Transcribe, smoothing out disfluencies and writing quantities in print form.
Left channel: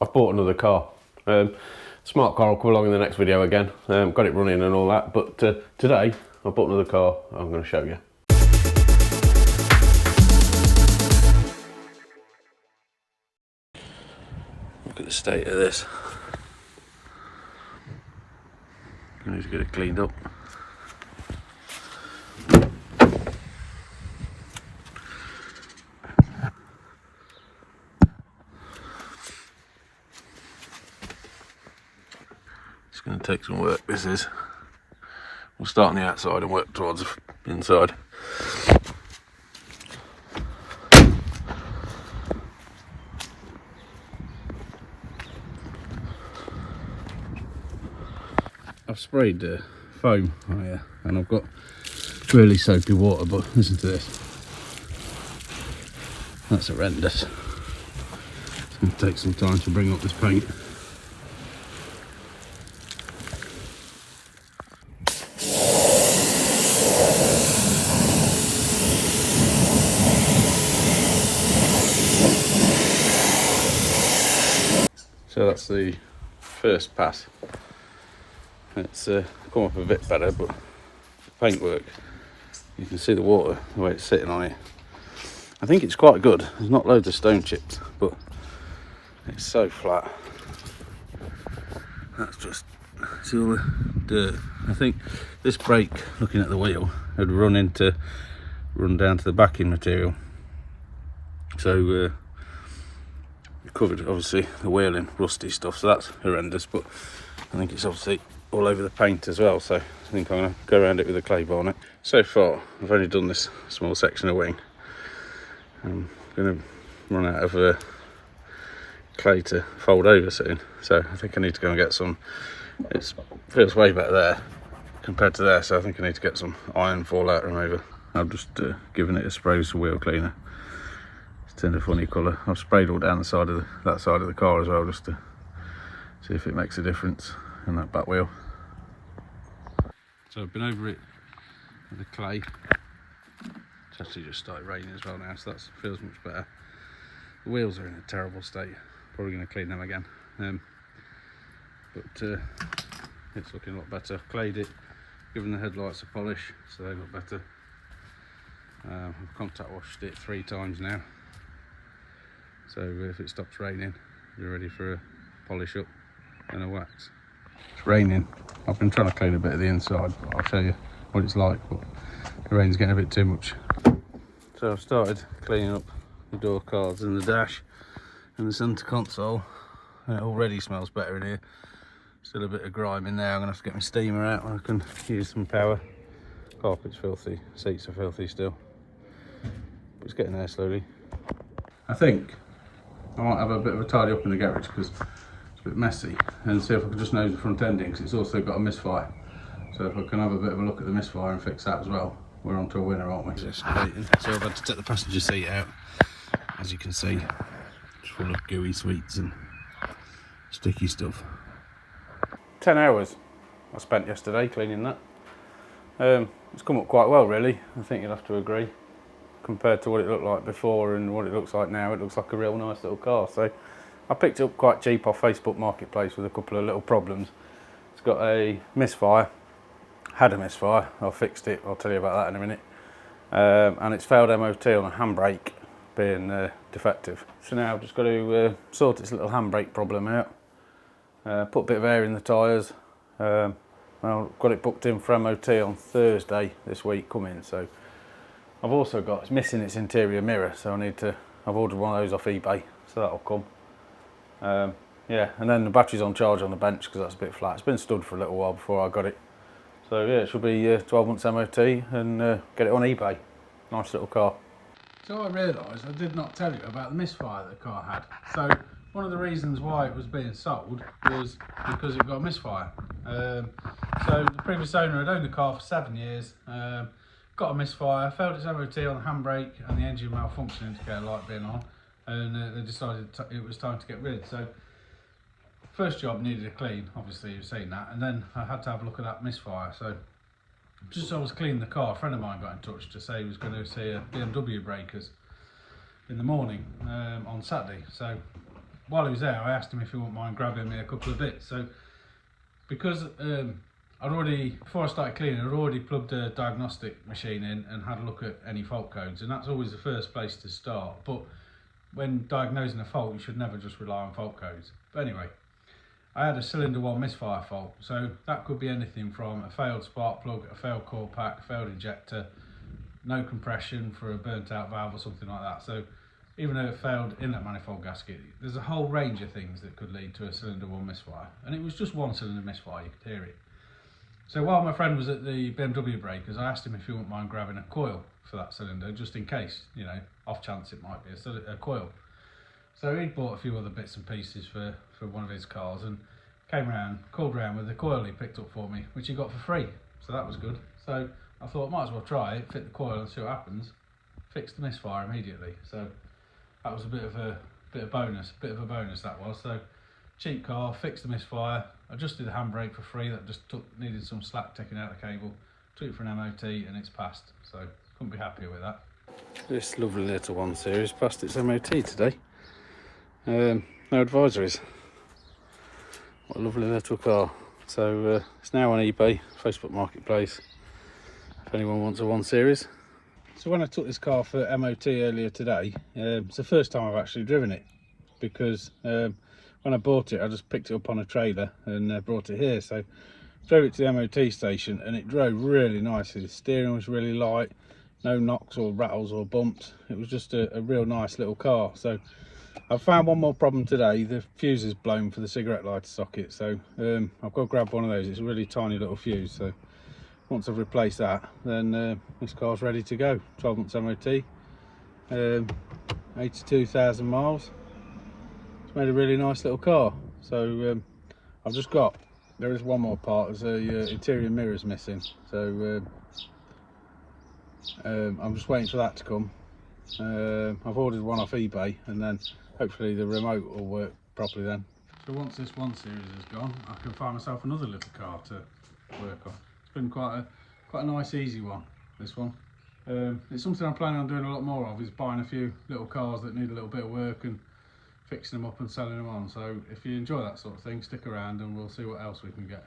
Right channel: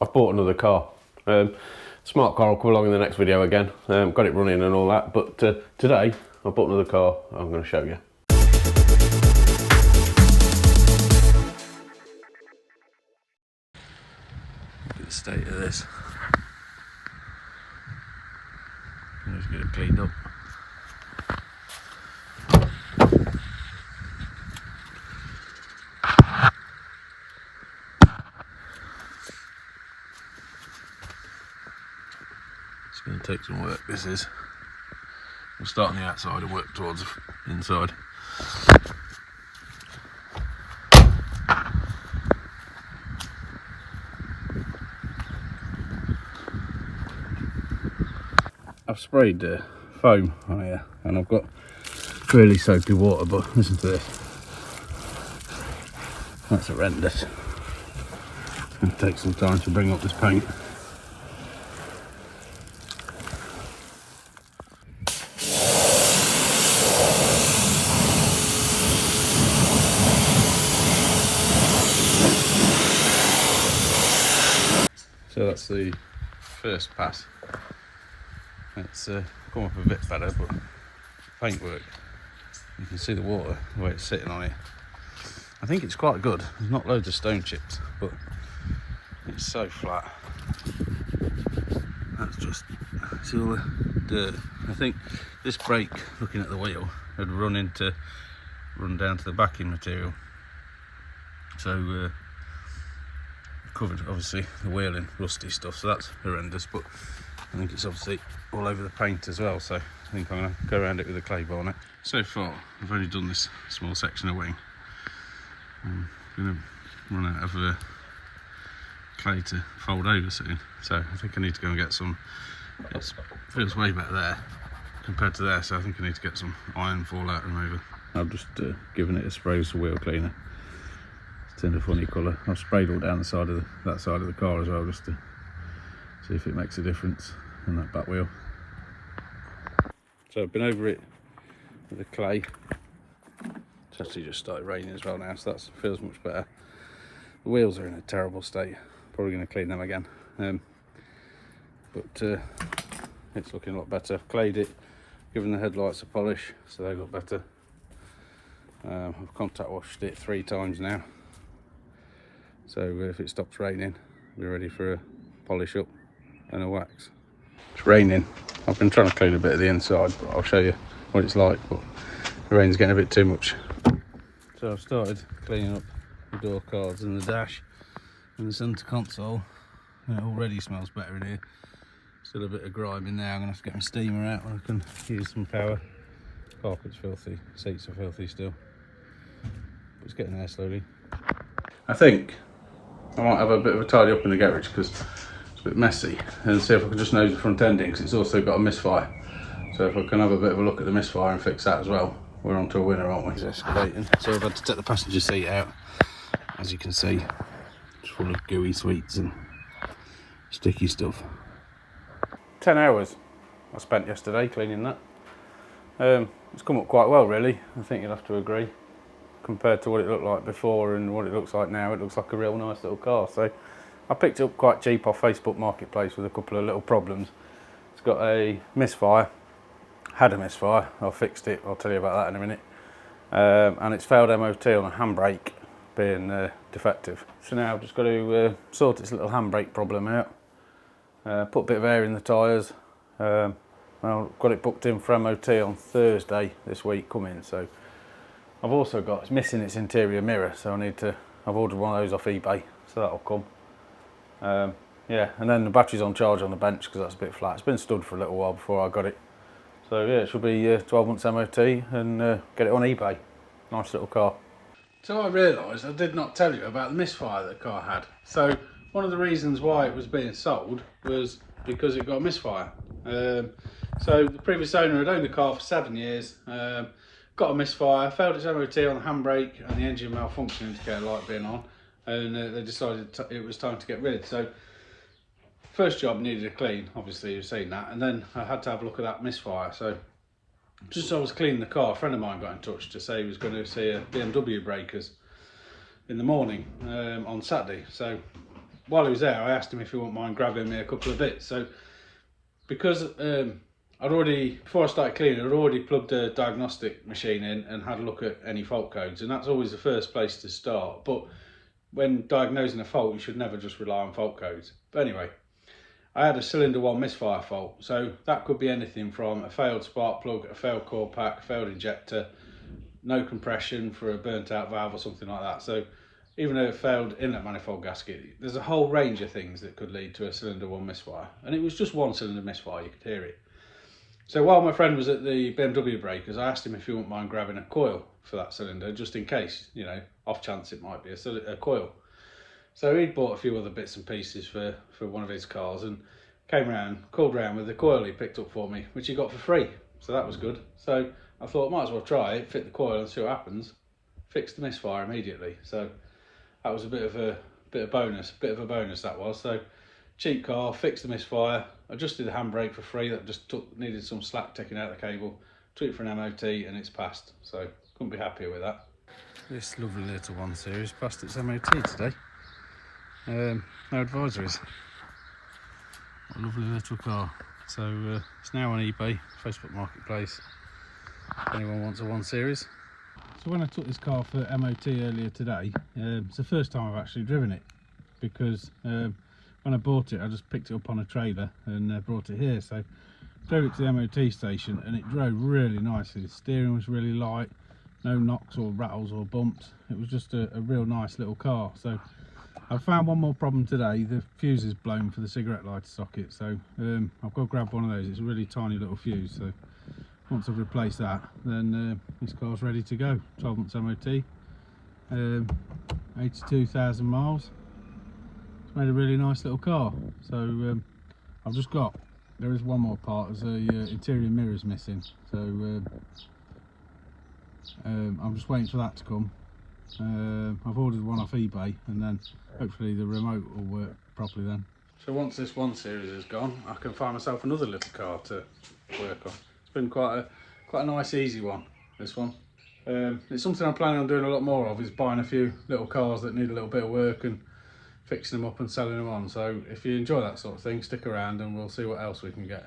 I've bought another car. Smart car will come along in the next video again. Got it running and all that, but today I bought another car I'm going to show you. Look at the state of this. Let's get it cleaned up. It's going to take some work, this is. We'll start on the outside and work towards the inside. I've sprayed foam on here and I've got really soapy water, but listen to this. That's horrendous. It's going to take some time to bring up this paint. So that's the first pass. It's come up a bit better, but the paintwork, you can see the water, the way it's sitting on it. I think it's quite good. There's not loads of stone chips, but it's so flat. That's just, see all the dirt. I think this brake, looking at the wheel, had run down to the backing material. So covered obviously the wheel in rusty stuff, so that's horrendous, but I think it's obviously all over the paint as well, so I think I'm going to go around it with a clay bonnet. So far I've only done this small section of wing. I'm going to run out of clay to fold over soon, so I think I need to go and get some. It feels way better there compared to there, so I think I need to get some iron fallout remover. I've just given it a spray with some wheel cleaner. It's turned a funny colour. I've sprayed all down the side of that side of the car as well, just to see if it makes a difference in that back wheel. So I've been over it with the clay. It's actually just started raining as well now, so that feels much better. The wheels are in a terrible state. Probably going to clean them again. But it's looking a lot better. I've clayed it, given the headlights a polish, so they look better. I've contact washed it 3 times now. So if it stops raining, we're ready for a polish up and a wax. It's raining. I've been trying to clean a bit of the inside, but I'll show you what it's like. But the rain's getting a bit too much. So I've started cleaning up the door cards and the dash and the centre console. And it already smells better in here. Still a bit of grime in there. I'm going to have to get my steamer out and I can use some power. Carpet's filthy, seats are filthy still. But it's getting there slowly. I think I might have a bit of a tidy up in the garage because it's a bit messy, and see if I can just nose the front ending, because it's also got a misfire. So if I can have a bit of a look at the misfire and fix that as well, we're on to a winner, aren't we? It's excavating. So I've had to take the passenger seat out, as you can see. It's full of gooey sweets and sticky stuff. 10 hours I spent yesterday cleaning that. It's come up quite well really, I think you'll have to agree. Compared to what it looked like before and what it looks like now, it looks like a real nice little car. So I picked it up quite cheap off Facebook Marketplace with a couple of little problems. It's got a misfire, had a misfire, I fixed it, I'll tell you about that in a minute. And it's failed MOT on a handbrake being defective. So now I've just got to sort its little handbrake problem out. Put a bit of air in the tyres. I've got it booked in for MOT on Thursday this week coming. So I've also got, it's missing its interior mirror, so I've ordered one of those off eBay, so that'll come. Yeah, and then the battery's on charge on the bench because that's a bit flat. It's been stood for a little while before I got it. So yeah, it should be 12 months MOT and get it on eBay. Nice little car. So I realised I did not tell you about the misfire that the car had. So one of the reasons why it was being sold was because it got a misfire. So the previous owner had owned the car for 7 years, got a misfire, failed its MOT on the handbrake and the engine malfunction indicator light being on, and they decided it was time to get rid. So first job needed a clean, obviously you've seen that, and then I had to have a look at that misfire. So just as I was cleaning the car, a friend of mine got in touch to say he was going to see a BMW breakers in the morning on Saturday. So while he was there, I asked him if he wouldn't mind grabbing me a couple of bits. So because I'd already, before I started cleaning, I'd already plugged a diagnostic machine in and had a look at any fault codes, and that's always the first place to start. But when diagnosing a fault, you should never just rely on fault codes. But anyway, I had a cylinder 1 misfire fault, so that could be anything from a failed spark plug, a failed core pack, a failed injector, no compression for a burnt out valve or something like that. So even though it failed inlet manifold gasket, there's a whole range of things that could lead to a cylinder 1 misfire, and it was just one cylinder misfire, you could hear it. So while my friend was at the BMW breakers, I asked him if he wouldn't mind grabbing a coil for that cylinder, just in case, you know, off chance it might be a coil. So he'd bought a few other bits and pieces for one of his cars, and came round, called round with the coil he picked up for me, which he got for free. So that was good. So I thought, might as well try it, fit the coil and see what happens. Fixed the misfire immediately. So that was a bit of a bonus that was. So cheap car, fixed the misfire, adjusted the handbrake for free, that just needed some slack taking out the cable, took it for an MOT and it's passed, so couldn't be happier with that. This lovely little 1 Series passed its MOT today. No advisories. What a lovely little car. So it's now on eBay, Facebook Marketplace, if anyone wants a 1 Series. So when I took this car for MOT earlier today, it's the first time I've actually driven it, because when I bought it, I just picked it up on a trailer and brought it here. So drove it to the MOT station and it drove really nicely. The steering was really light, no knocks or rattles or bumps. It was just a real nice little car. So I've found one more problem today. The fuse is blown for the cigarette lighter socket. So I've got to grab one of those. It's a really tiny little fuse. So once I've replaced that, then this car's ready to go. 12 months MOT, 82,000 miles. It's made a really nice little car. So I've just got, there is one more part, there's a interior mirrors missing. So I'm just waiting for that to come. I've ordered one off eBay, and then hopefully the remote will work properly then. So once this 1 Series is gone, I can find myself another little car to work on. It's been quite a nice easy one, this one. It's something I'm planning on doing a lot more of, is buying a few little cars that need a little bit of work and fixing them up and selling them on. So if you enjoy that sort of thing, stick around and we'll see what else we can get.